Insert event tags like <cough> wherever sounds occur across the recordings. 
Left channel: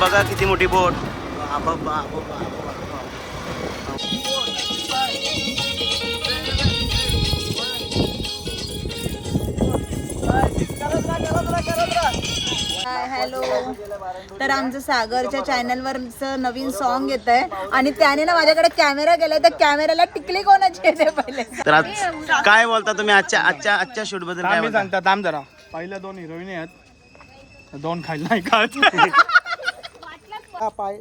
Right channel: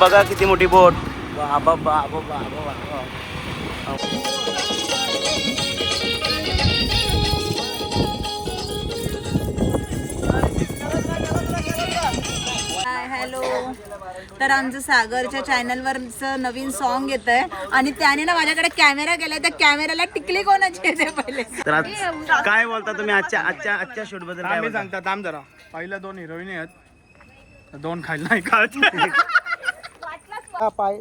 बघा किती मोठी बोट. बाबा बाबा बाबा बाबा हॅलो तर आमचं सागरच्या चॅनलवरचं नवीन सॉन्ग येत आहे आणि त्याने ना माझ्याकडे कॅमेरा केलाय त्या कॅमेऱ्याला टिकली कोणाची येते पहिले तर आज काय बोलता तुम्ही आजच्या आजच्या आजच्या शूटबद्दल काय बोलता? सांगता थांब जरा. पहिल्या दोन हिरोईन आहेत. दोन खायला नाही का? <laughs> पाय.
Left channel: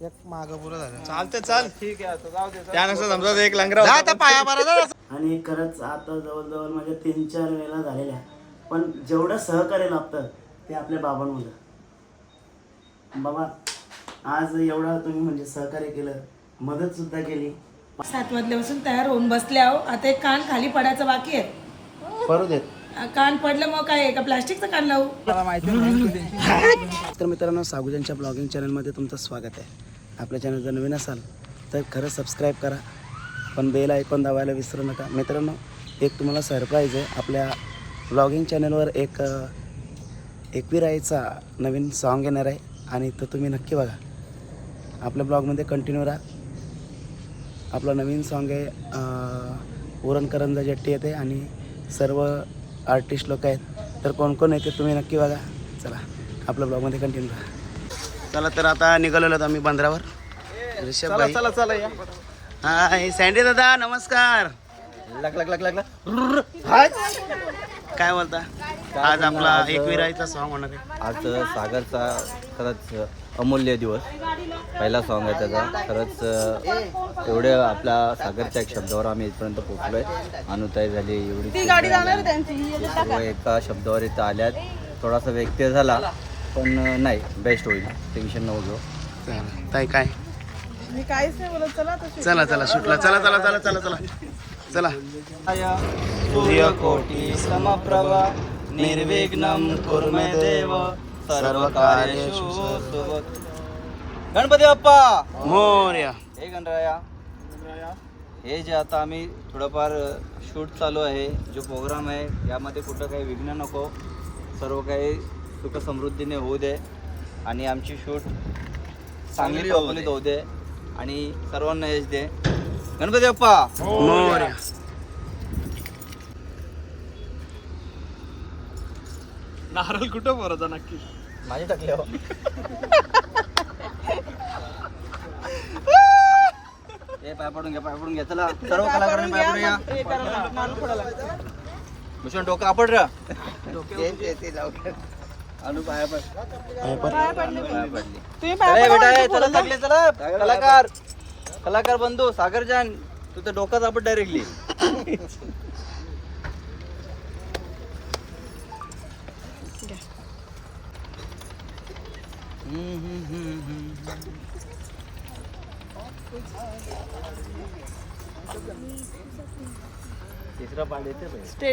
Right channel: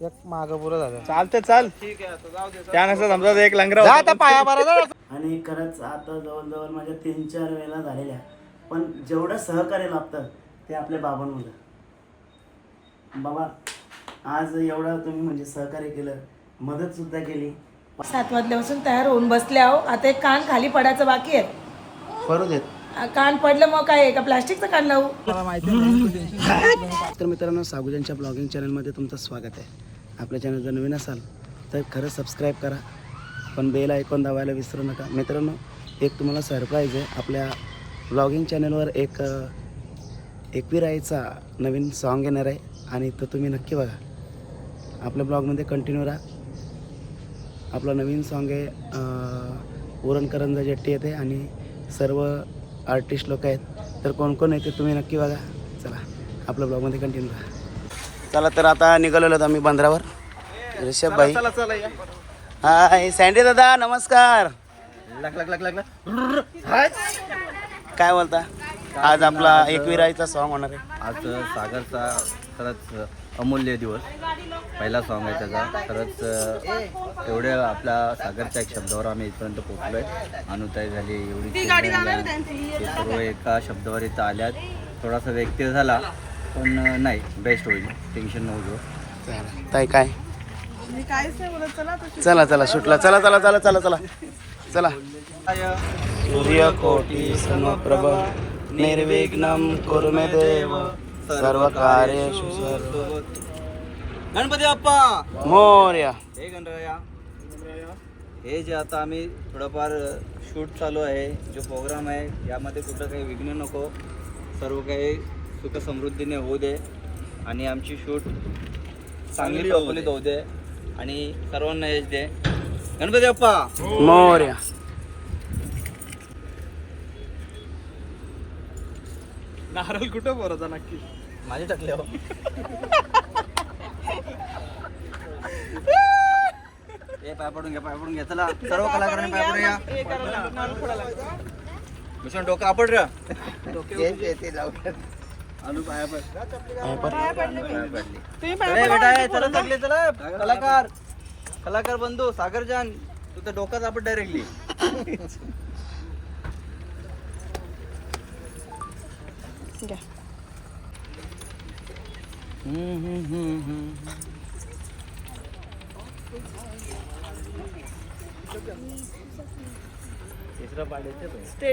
एक माग पुरं झालं. चालते चाल. त्यानुसार समजा एक लंगरा जा आता पाया बरं आणि खरंच आता जवळजवळ माझ्या तीन चार वेळा झालेल्या. पण जेवढं सहकार्य लाभतं ते आपल्या बाबांमुळे. बाबा आज एवढं तुम्ही म्हणजे सहकार्य केलं मदत सुद्धा केली. सात वाजल्यापासून तयार होऊन बसले आहो. आता एक कान खाली पडायचं बाकी आहे. करू देत. कान पडलं मग काय? का प्लास्टिकचं कान लावू? तर मित्रांनो सागुजांच्या ब्लॉगिंग चॅनलमध्ये तुमचं स्वागत आहे. आपल्या चॅनल जर नवीन असाल तर खरं सबस्क्राईब करा. पण बेल ऐकून दाबायला विसरू नका. मित्रांनो एक तुम्हाला सरप्राईज आहे. आपल्या ब्लॉगिंग चॅनलवर एक अ, एकविराईचा नवीन सॉन्ग येणार आहे. आणि तो तुम्ही नक्की बघा. आपल्या ब्लॉगमध्ये कंटिन्यू राहा. आपलं नवीन सॉन्ग आहे अ, उरणकरंजा जट्टी येते. आणि सर्व आर्टिस्ट लोक आहेत. तर कोण कोण येते तुम्ही नक्की बघा. चला आपल्या ब्लॉगमध्ये कंटिन्यू राहा चला तर आता निघालेलो आहोत आम्ही बंदरावर. ऋषभ भाई. हाय सँडी दादा नमस्कार. लग लग लग लग काय बोलता? आज आपला एकविराईचा सॉन्ग होणार आहे. आज सागरचा खरंच अमूल्य दिवस. पहिला सॉन्ग आहे त्याचा. खरंच एवढे आपल्या सागरच्या एक शब्दावर आम्ही इथपर्यंत पोहोचलो आहे अनुताई झाली एवढी सर्व एका शब्दावर इथं आल्यात. थोडासा व्यक्ती झाला पण नाही बेस्ट होईल. टेन्शन नको घेऊ. चला ताई काय? चला चला शूटला. चला चला चला चला चला. चला. सूर्य कोटी समप्रभ निर्विघ्नं कुरु मे देव. सर्व कार्येषु गणपती बाप्पा! मोर्या। हे गणराया। हे जे आता आम्ही थोडंफार शूट चालू आहे जो प्रोग्राम आहे यामध्ये कुठं काही विघ्न नको. सर्व काही सुख समृद्धीने होऊ दे आणि आमची शूट चांगली होऊ दे आणि सर्वांना यश दे. गणपती बाप्पा! मोर्या। नारळ कुठं बरं नक्की? माझे टाकले हो. ए पाय पडून घ्या पाय पडून घ्या चला सर्व कलाकारांनी पाय पडून घ्या मिशन डोकं आपड रे. अनु पाया पड. पाया पडली. ए, बेटा ए, चला लागले चला. कलाकार. कलाकार बंधू सागरजान तू तर डोकं आपट डायरेक्टली.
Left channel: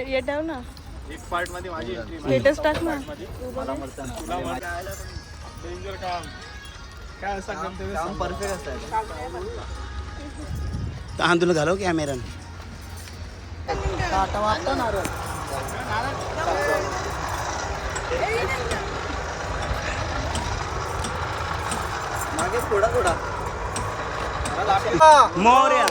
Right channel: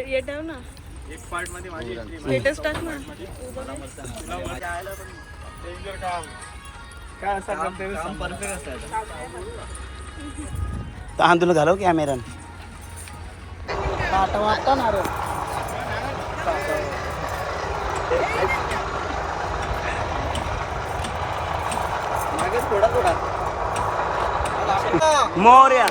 येते ना. स्टेटस टाक ना. असतं तांदूळ घालव कॅमेरा वाटतं नारळ मागे थोडा थोडा. मोर्या.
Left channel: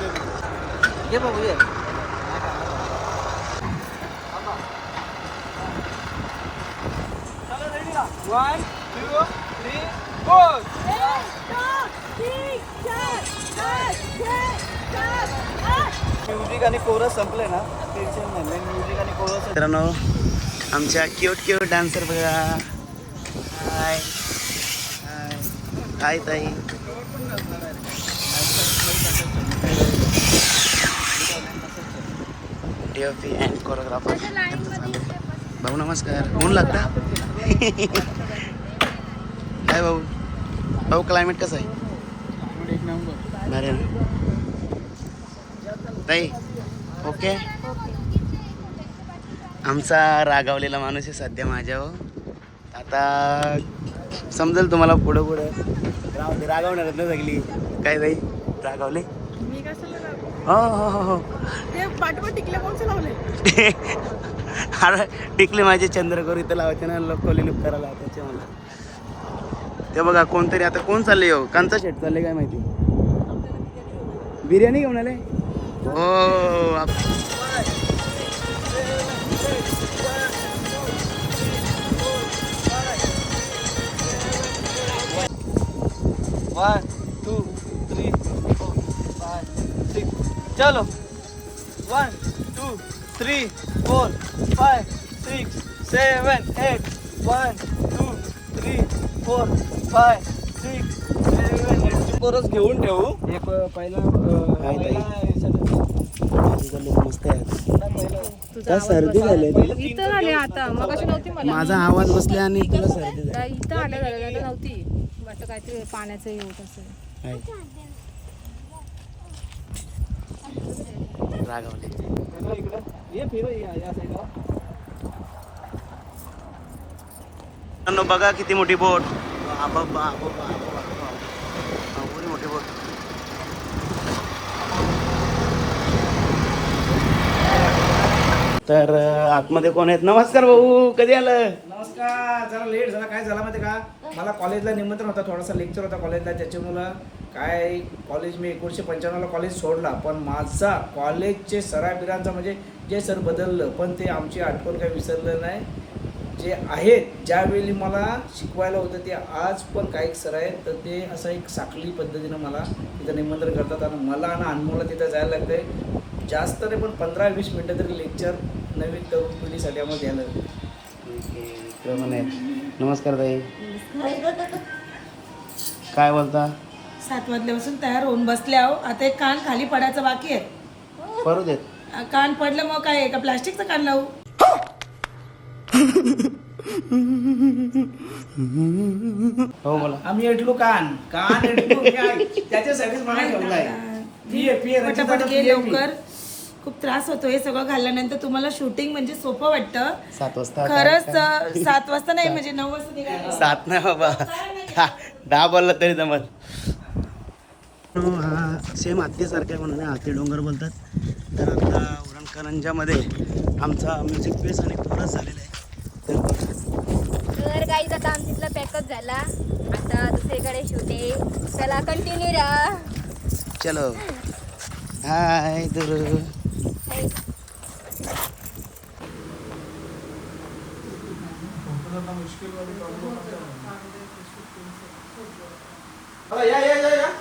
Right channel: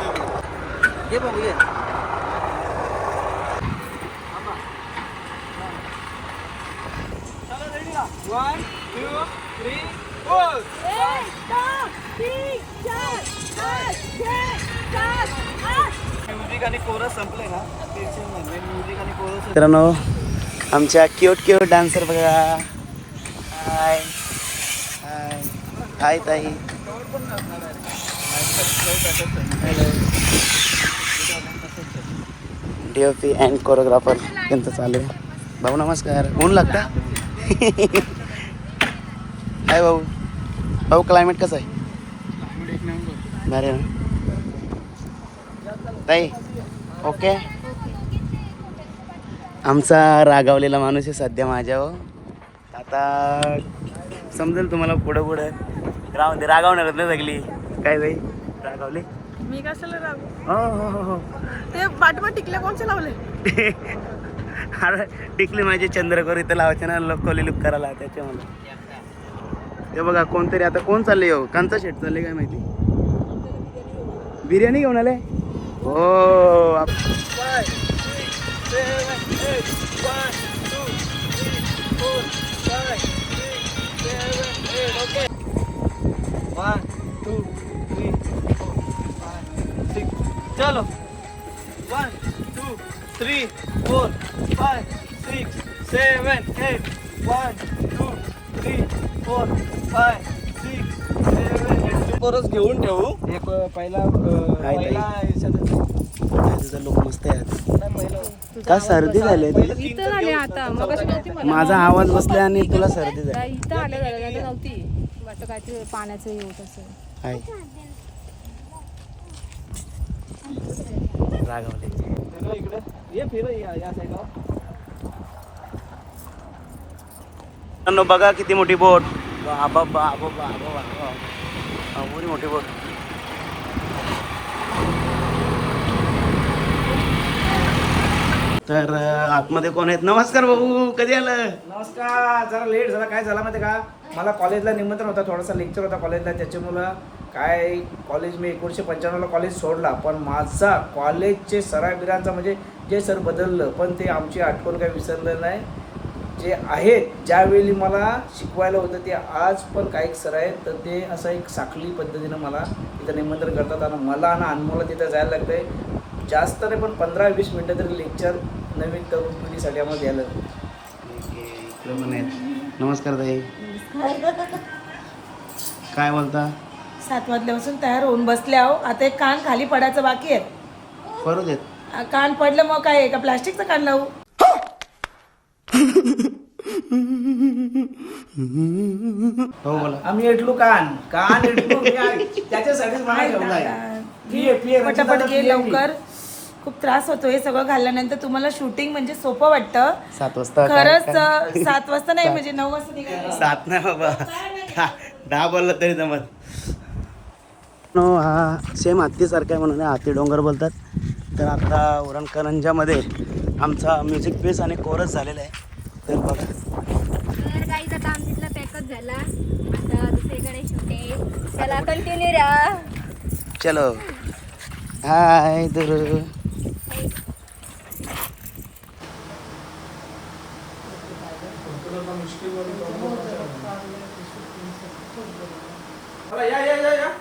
दे तू. ये बाबू ये म्युझिक आणि कोरस संपले ना? टेन्शन नाही म्युझिक आणि कोरस मित्रांनो आमच्या क्यूट क्यूट डान्सर बघा. हाय हाय हाय ताई. Hello D O P and choreographer त्यांचं चालू आहे. भाऊ नमस्कार. ऊन लागता? हाय <laughs> भाऊ. भाऊ क्लायमेट कसं आहे? ना. ताई ओके आमचा रागावलेला माणूस आहे सध्या माझ्यावर आता समजेल तुम्हाला पुढं पुढं. राहून दे रागावणार ना सगळी. काय ताई रागावली? मी कशाला हो हो हो हो. ते पाठीमा टिकले कोणचे लावले? <laughs> अरे टिकली माझी चंद्रकोर इथं लावायचे ना लोक कोली लुक करायला त्याचे मला ते बघा कोणतरी आता कोण चालले हो? कांचा शेट चालले काय माहिती? बिर्याणी घेऊन आले? हो. चलो one two three four five six seven eight one two three four बरंच घेऊन ठेवू. एक पहिला लुक मस्त आहे. का सर्दी झाली इथं झाले आता. मग कशी नव्हती मला. माझा आवाज बसला आणि तुला सर्दी झाली. इथं आल्या झालं नव्हती. वाटतं काहीतरी पाण्याचं हे होत असेल. रागावले. ये फिर या या साईडला मित्रांनो बघा किती मोठी बोट. बाबा बाबा बाबा. एवढी मोठी बघ तर आतमध्ये कोण आहेत? नमस्कार भाऊ कधी आलं नमस्कार जरा लेट झाला. काय झाला माहिती का? मला कॉलेजला निमंत्रण होता थोडासा लेक्चर होता कॉलेजला त्याच्यामुळं काय कॉलेज मी एकोणीसशे पंच्याण्णवला कॉलेज सोडला. पण माझा कॉलेजचे सराबिरांचा म्हणजे जे सर बदललं पण ते आमची आठवण काही विसरलं नाही. जे आहेत ज्यावेळी मला शिकवायला होतं ते आज पण काही सर आहेत तर ते असं एक साखळी पद्धतीनं मला तिथं निमंत्रण करतात आणि मला आणि अनमोला तिथं जायला लागतंय. जास्त नाही पण पंधरा वीस मिनटं तरी लेक्चर नवीन तरुण पिढीसाठी आम्हाला द्यायला लागतं. आहे, आहेत नमस्कार ताई. काय बोलता? सात वाजल्यापासून तयार होऊन बसले आहो. आता एक कान खाली पडायचं बाकी आहे. करू देत. कान पडलं मग काय? आहे का प्लास्टिकचं कान लावू. हो बोला. आम्ही एटलो कान. कान एटलो. त्याच्यासाठीच मला ठेवलाय पटापट घे लवकर. खूप त्रास होतो हे सगळं घालल्यानंतर. तुम्हाला शूटिंग म्हणजे सोपं वाटतं. सात वाजता खरंच अ, सात वाजता नाही म्हणजे नऊ वाजता सात नाही बाबा. दहा- दहा बोलला तरी जमत नो हा सेम हत्तीसारखा आहे म्हणून हाती डोंगर बोलतात. तर आता उरणकरंजामध्ये आमचा म्युझिक पीस आणि कोरस झालेला आहे. तर तर आता पॅकअप झाला. आता दुसरीकडे शूट आहे चला कंटिन्यू राहा. चलो. हाय दुरु. या या या.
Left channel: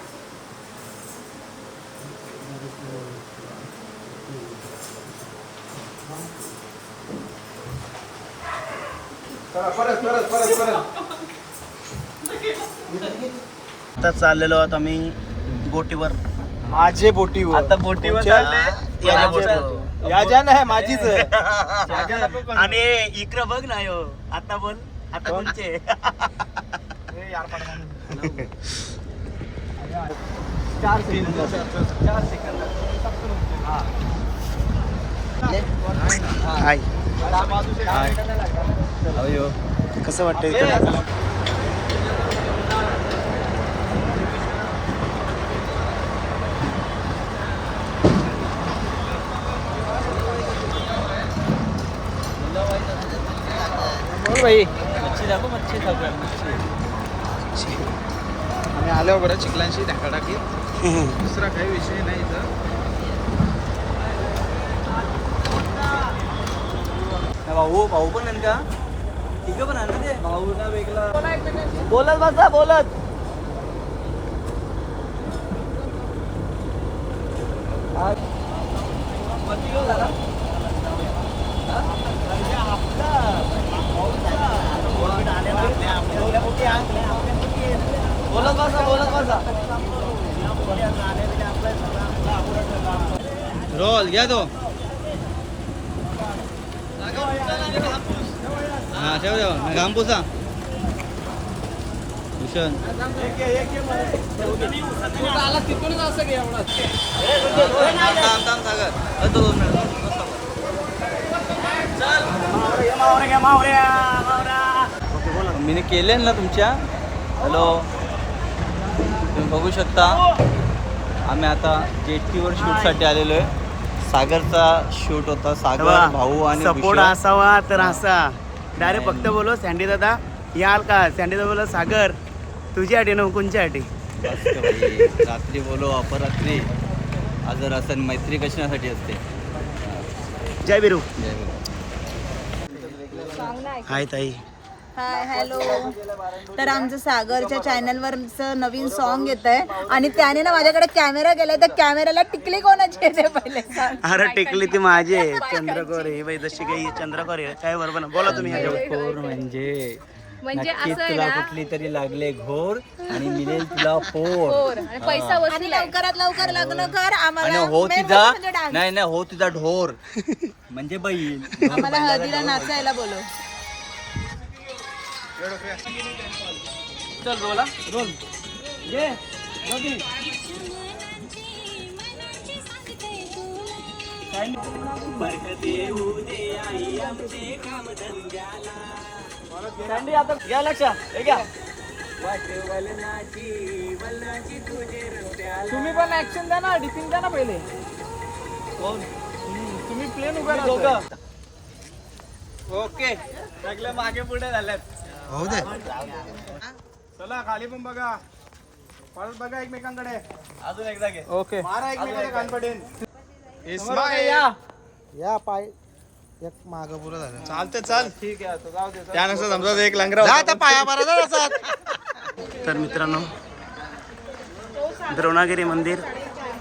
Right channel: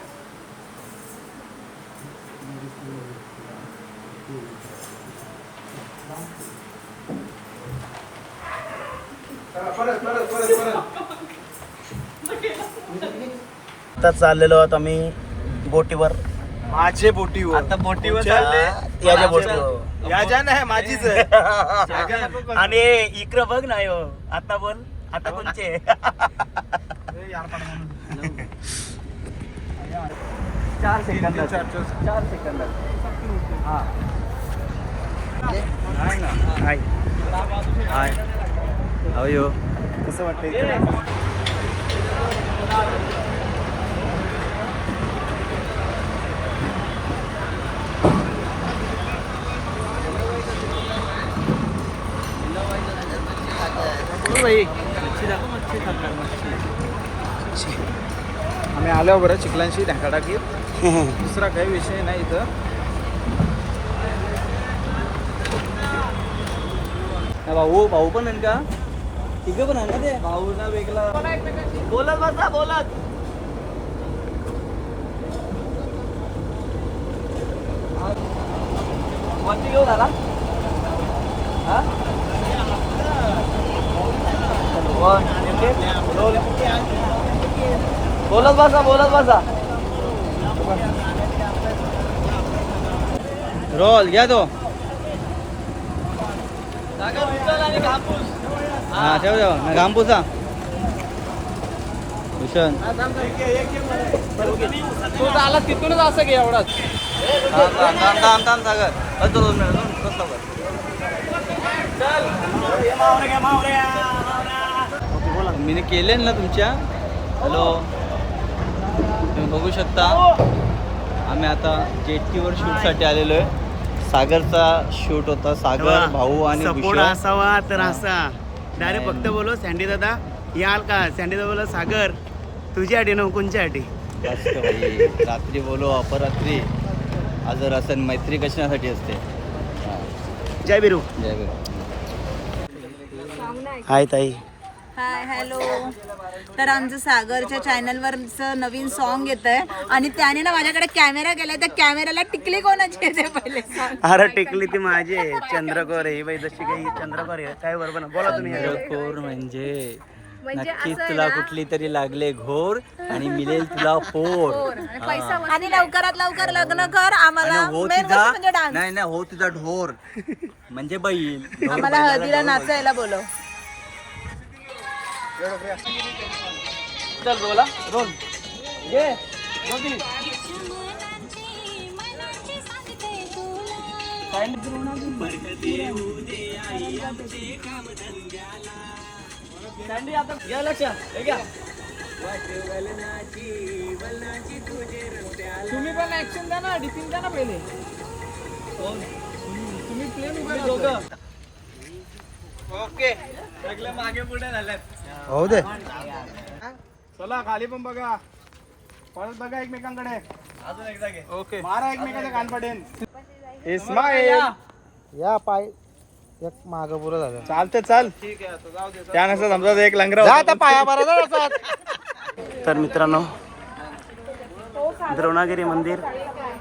परत परत परत परत आता चाललेलो आहोत आम्ही बोटीवर. माझे बोटीवर. आता बोटीवर. याच्या बोटीवर. या ज्या नाही माझीच आहे. <laughs> आणि इकडं बघ नाही हो आता बोल. आता कोणचे? चार सेकंद. चार सेकंद. हा. हाय. हाय. अयो कसं वाटतं इकडं? आम्ही आलो बरं चिखलांशी ढाका टाकली <laughs> दुसरा काही विषय नाही इथं. भाऊ भाऊ पण का? तिघं पण आहे ना ते भाऊ ना वेगळा बोलत बसा बोलत। वरती घेऊ झाला हा? बोलत बसा बोलत बसा रोल घ्या तो. हा ठेव ठेव. घामपुसा भूषण. आला तिथूनच असं घे एवढाच. थांब थांब थांब थांब सागर. बस दोन मिनिट दोन बस सागर. मी केले ना तुमच्या? हॅलो? तुम्ही बघू शकता. आम्ही आता जेटीवर शूटसाठी आलेलो आहे. सागरचा शूट होता. सागर भाऊ आणि सपोर्ट. असावा तर असा. डायरेक्ट फक्त बोलो सँडी दादा याल का सँडी दादा बोलो सागर तुझी अटी न कोणची अटी मस्त भाई. रात्री बोलो अपरात्री आजर असं मैत्री कशासाठी असते. जय बिरू जय भीम. हाय ताई हाय हॅलो. तर आमचं सागरच्या चॅनलवरचं नवीन सॉन्ग येत आहे आणि त्याने ना माझ्याकडे कॅमेरा केलाय त्या कॅमेऱ्याला टिकली कोणाची येते पहिले सांग. अरे टिकली ती माझी आहे. चंद्रकोर आहे. बाई जशी काही चंद्रकोर आहे. काय बरोबर ना बोला तुम्ही ह्याच्यावर. घोर म्हणजे म्हणजे नक्कीच तुला कुठली तरी लागले घोर आणि मिळेल तुला पोर. आणि पैसा आणि लवकरात लवकर लग्न कर. आम्हाला आणि हो मेन तुझा म्हणजे डान्स नाही नाही हो तुझा ढोर. म्हणजे बैल ढोर मला बैलाला हळदीला ढोर बोलतात. नाचायला बोलव. चल रोला. रोल ये. सँडी आता घ्या लक्ष हे घ्या. तुम्ही पण ऍक्शन द्या ना डिपिंग द्या ना पहिले. तुम्ही प्लेन उभे ओके. सगळे मागे पुढे झालेत हो दे. चला खाली पण बघा. परत बघा एकमेकांकडे. अजून एकदा घे. ओके. मारा एकमेकांना कान पडेल या. या पाय. एक माग पुरं झालं. चालते चाल. त्यानुसार समजा एक लंगरा जा आता पाया बरं तर मित्रांनो द्रोणागिरी मंदिर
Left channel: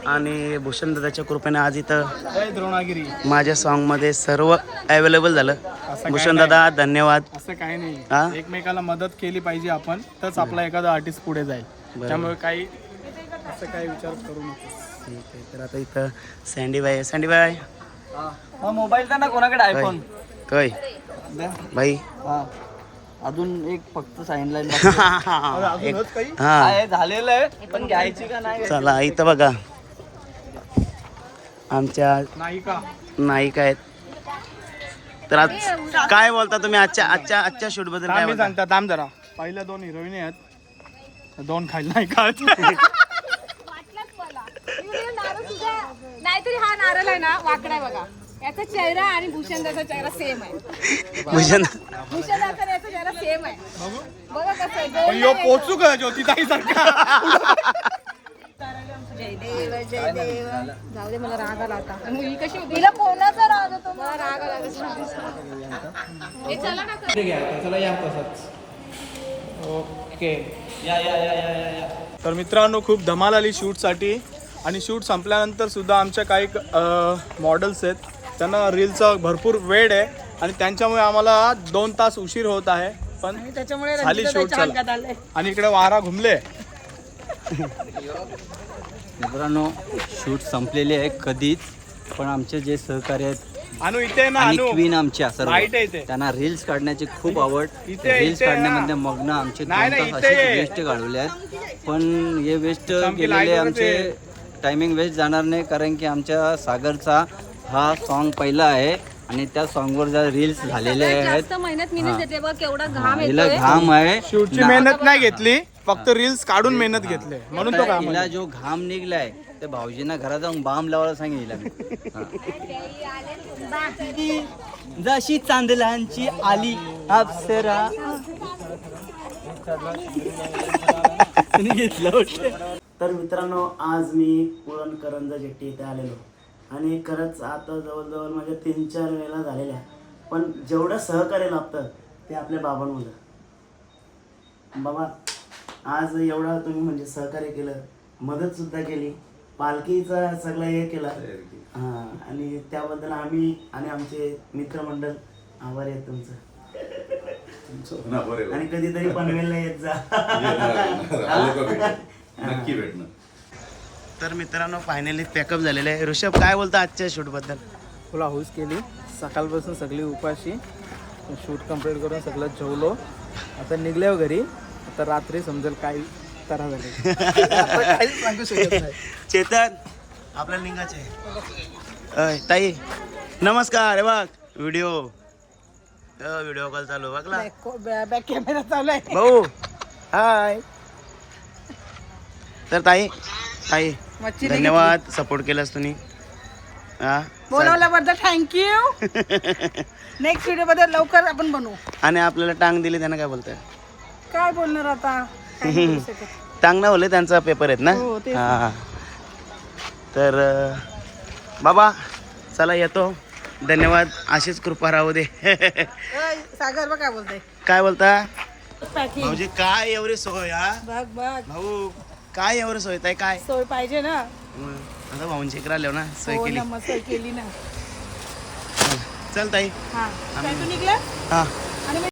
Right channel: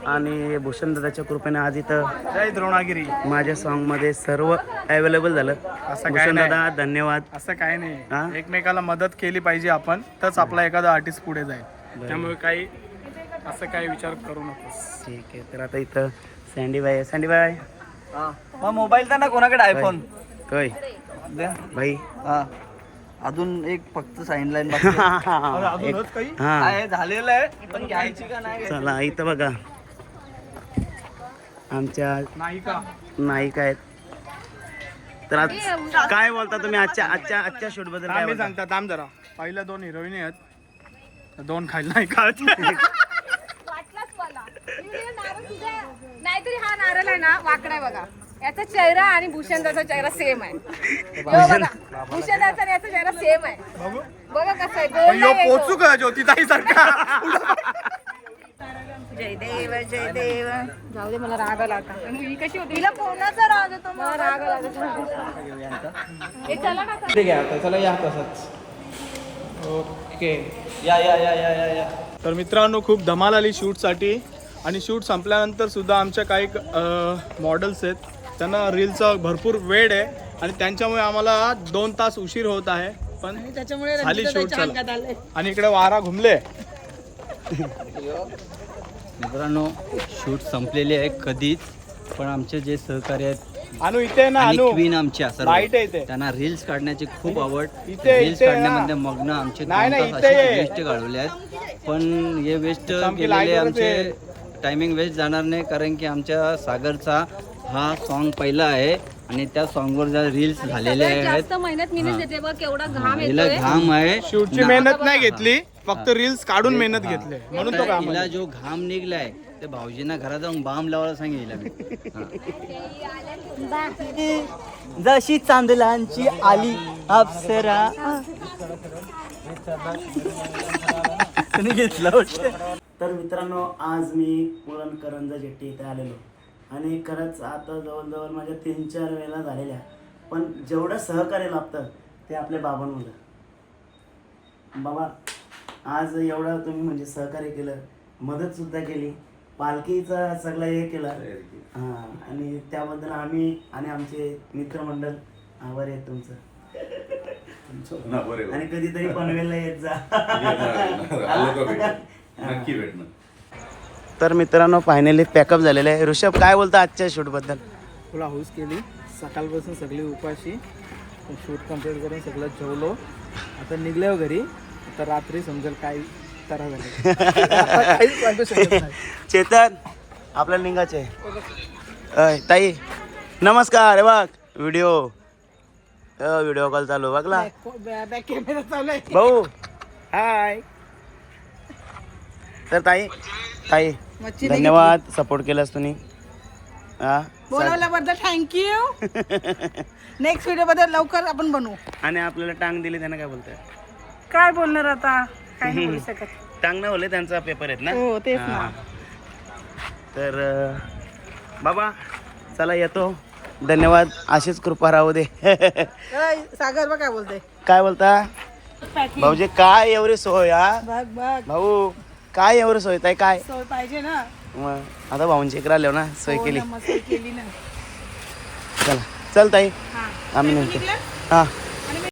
आणि भूषण दादाच्या कृपेने आज इथं जय द्रोणागिरी. माझ्या सॉन्गमध्ये सर्व अवेलेबल झालं. भूषण दादा धन्यवाद. असं काय हा? नाही एकमेकाला मदत केली पाहिजे आपण तरच आपला एखादा आर्टिस्ट पुढे जाईल. त्यामुळे काही असं काही विचार करू नकोस. ठीक आहे तर आता इथं सँडी बाय सँडी बाय हा. मोबाईल द्या ना कोणाकडे आयफोन काय भाई. हा. अजून एक फक्त साईन <laughs> लाईन एक. हा. झालेलं आहे पण घ्यायची का नाही? चला इथं बघा. आमच्या नाही का नायिका आहेत. तर आज काय बोलता तुम्ही? आजच्या आजच्या आजच्या शूटबद्दल काय बोलता? थांब जरा. पहिल्या दोन हिरोईनी आहेत. दोन खायला नाही का वाटलंच मला. नाहीतरी हा नारळ आहे ना वाकडा आहे बघा. याचा चेहरा आणि भूषणदाचा चेहरा सेम आहे. भूषण भूषणदाचा आणि याचा चेहरा सेम आहे. बघा कसं आहे. गोल यो नाही पोचू का ज्योतिताई सारखा <laughs> जय देव जय देव. जाऊ दे मला राग आला आता. ही कशी होती? तिला कोणाचा राग येतो? मग? हे चला ना ठीक आहे आता चला या तसंच. ओके. या या या या या या. तर मित्रांनो खूप धमाल आली शूटसाठी. आणि शूट संपल्यानंतर सुद्धा आमच्या काही मॉडेल्स आहेत. त्यांना रीलचा भरपूर वेळ आहे. आणि त्यांच्यामुळे आम्हाला दोन तास उशीर होत आहे. पण झाली शूट चला. आणि इकडे वारा घुमले. <laughs> मित्रांनो शूट संपलेले आहे कधीच पण आमचे जे सहकारी आहेत अनु इथे आहे ना आणि अनु. क्वीन आमच्या सर्व. त्यांना रील्स काढण्याची खूप आवड. रील्स काढण्यामध्ये मग्न आमचे दोन तास ये. वेस्ट घालवले आहेत. पण हे वेस्ट गेलेले आमचे टायमिंग वेस्ट जाणार नाही कारण की आमच्या सागरचा हा सॉन्ग पहिला आहे आणि त्या सॉन्गवर ज्या रील्स झालेले आहेत. मेहनत केवढा घाम हिला येतोय. घाम आहे. मेहनत नाही घेतली. फक्त रील्स काढून मेहनत घेतली. म्हणून तो आता काम हिला जो घाम निघलाय ते भाऊजींना घरात जाऊन बाम लावायला मी. हा. जशी चांदलांची आली अप्सरा. तुम्ही घेतलं वाटतं. तर मित्रांनो आज मी पुरण करंजा जेट्टी इथे आलेलो. आणि खरंच आता जवळजवळ माझ्या तीन चार वेळा झालेल्या. पण जेवढं सहकार्य लाभतं ते आपल्या बाबांमध्ये बाबा आज एवढं तुम्ही म्हणजे सहकार्य केलं मदतसुद्धा केली पालखीचं सगळं हे केलं. हां आणि त्याबद्दल आम्ही आणि आमचे मित्रमंडळ आभारी आहेत तुमचं. आणि कधीतरी पनवेलला येत जा. नक्की भेटणार तर मित्रांनो फायनली पॅकअप झालेलं आहे. ऋषभ काय बोलता आजच्या शूटबद्दल फुल हाऊस केली. सकाळपासून सगळी उपाशी. शूट कंप्लीट करून सगळं जेवलो. आता निघल्यावर घरी. आता रात्री समजेल काय तरा <laughs> <laughs> चेतन आपल्या लिंगाचे अय ताई नमस्कार हे बघ व्हिडिओ व्हिडिओ कॉल चालू बघला. भाऊ. हाय तर ताई ताई मच्छी धन्यवाद सपोर्ट केलास तुम्ही. हा बोलावल्याबद्दल थँक्यू नेक्स्ट व्हिडिओमध्ये लवकर आपण बनवू. आणि आपल्याला टांग दिली त्यांना काय बोलताय? काय बोलणार आता? काय नाही बोलू शकत. <laughs> बोलले त्यांचा पेपर आहेत ना? हो, तेच ना. हा. तर अं, बाबा चला येतो. धन्यवाद. अशीच कृपा राहू दे. <laughs> सागर बघ काय बोलतोय. काय बोलता? पॅकिंग भाऊजी काय एवढी सोय हा? बघ बघ. भाऊ काय एवढं सोय ताई काय? सोय पाहिजे ना. मग आता भाऊंची इकडे आलो ना सोय हो केली. ना, मग सोय केली ना. चला. चल ताई. हा. आम्ही नंतर? हा.